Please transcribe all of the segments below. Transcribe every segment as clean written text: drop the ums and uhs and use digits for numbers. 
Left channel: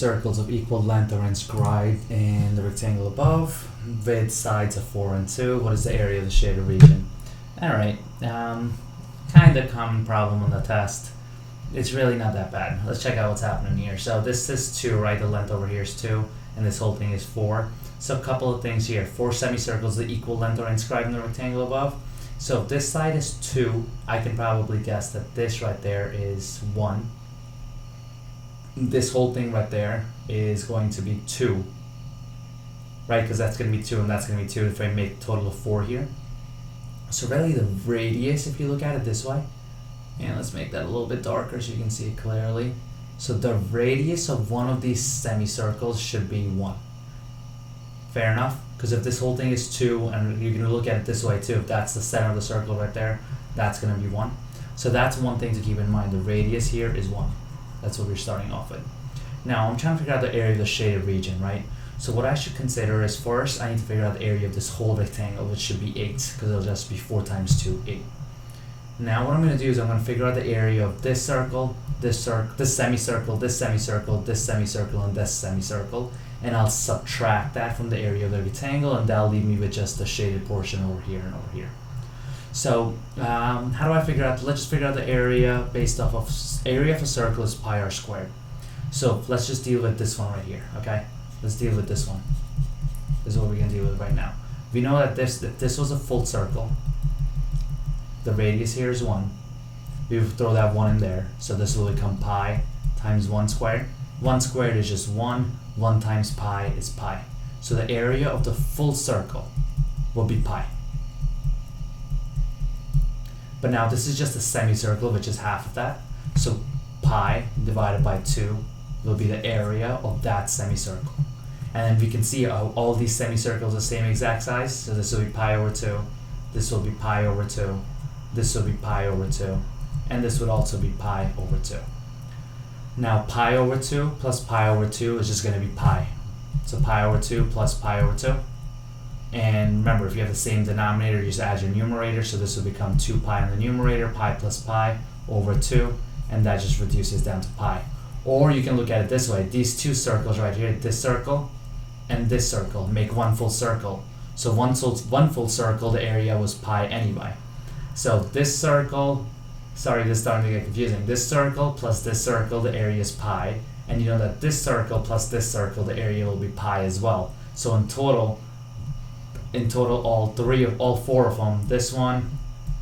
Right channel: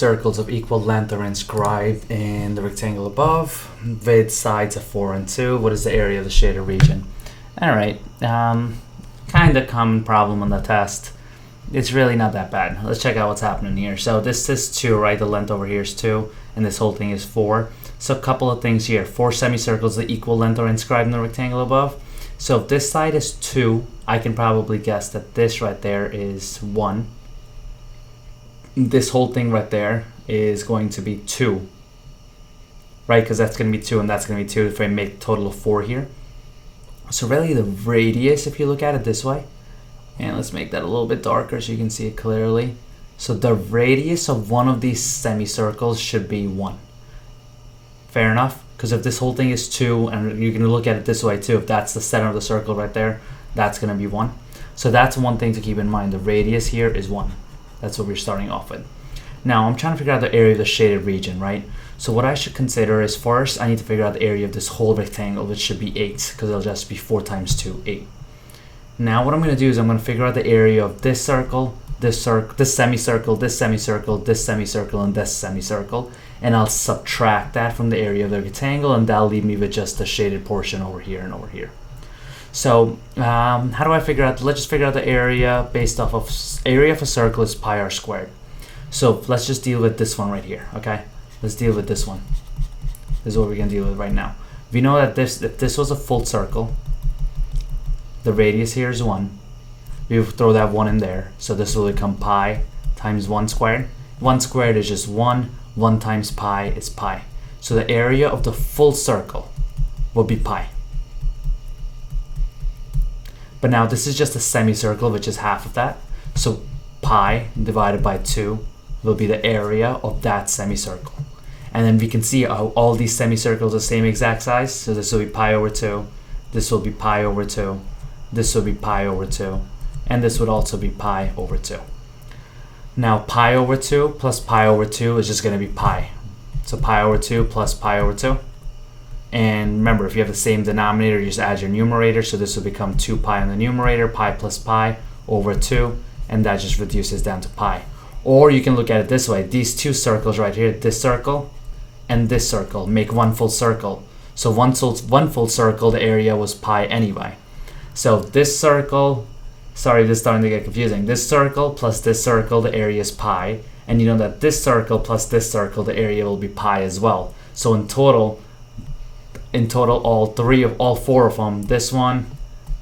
circles of equal length are inscribed in the rectangle above, with sides of 4 and 2. What is the area of the shaded region? Alright, kind of common problem on the test. It's really not that bad. Let's check out what's happening here. So this is 2, right? The length over here is 2, and this whole thing is 4. So a couple of things here. 4 semicircles of equal length are inscribed in the rectangle above. So if this side is 2, I can probably guess that this right there is 1. This whole thing right there is going to be 2, right? Because that's going to be 2 and that's going to be 2 if I make a total of 4 here. So really the radius, if you look at it this way, and let's make that a little bit darker so you can see it clearly. So the radius of one of these semicircles should be 1. Fair enough? Because if this whole thing is 2, and you can look at it this way too, if that's the center of the circle right there, that's going to be 1. So that's one thing to keep in mind. The radius here is 1. That's what we're starting off with. Now I'm trying to figure out the area of the shaded region, right? So what I should consider is first I need to figure out the area of this whole rectangle, which should be 8, because it'll just be 4 times 2, 8. Now what I'm going to do is I'm going to figure out the area of this circle, this semicircle, this semicircle, this semicircle, and this semicircle, and I'll subtract that from the area of the rectangle, and that'll leave me with just the shaded portion over here and over here. So how do I figure out? Let's just figure out the area based off of area of a circle is pi r squared. So let's just deal with this one right here. Okay, let's deal with this one. This is what we're gonna deal with right now. We know that if this was a full circle, the radius here is 1. We throw that 1 in there, so this will become pi times 1 squared. 1 squared is just 1. 1 times pi is pi. So the area of the full circle will be pi. But now this is just a semicircle, which is half of that. So pi divided by 2 will be the area of that semicircle. And then we can see how all these semicircles are the same exact size. So this will be pi over 2. This will be pi over 2. This will be pi over 2. And this would also be pi over 2. Now pi over 2 plus pi over 2 is just going to be pi. So pi over 2 plus pi over 2. And remember, if you have the same denominator, you just add your numerator. So this will become 2 pi on the numerator, pi plus pi over 2, and that just reduces down to pi. Or you can look at it this way. These two circles right here, this circle and this circle, make one full circle. So one full circle, the area was pi anyway. So this circle, sorry, this is starting to get confusing. This circle plus this circle, the area is pi. And you know that this circle plus this circle, the area will be pi as well. So in total, all 4 of them, this one,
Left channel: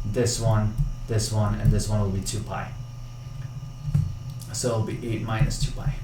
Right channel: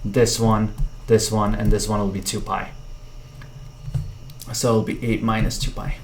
this one, this one, and this one will be 2 pi. So it'll be 8 minus 2 pi.